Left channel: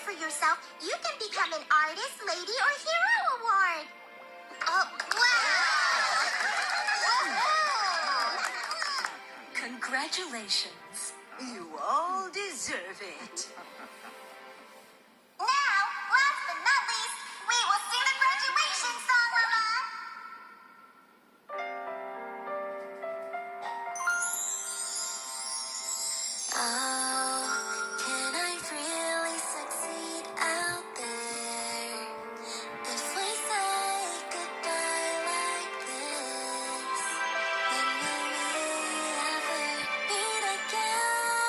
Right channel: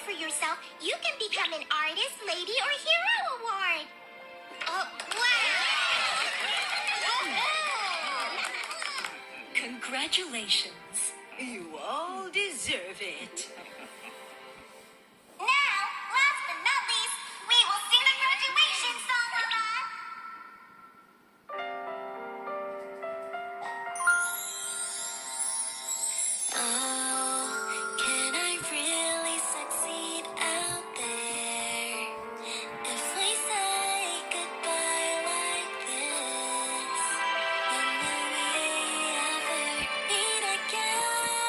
for yourself, you can become an artist, lady, or hero award. Oh, wow! Congratulations. You all deserve it.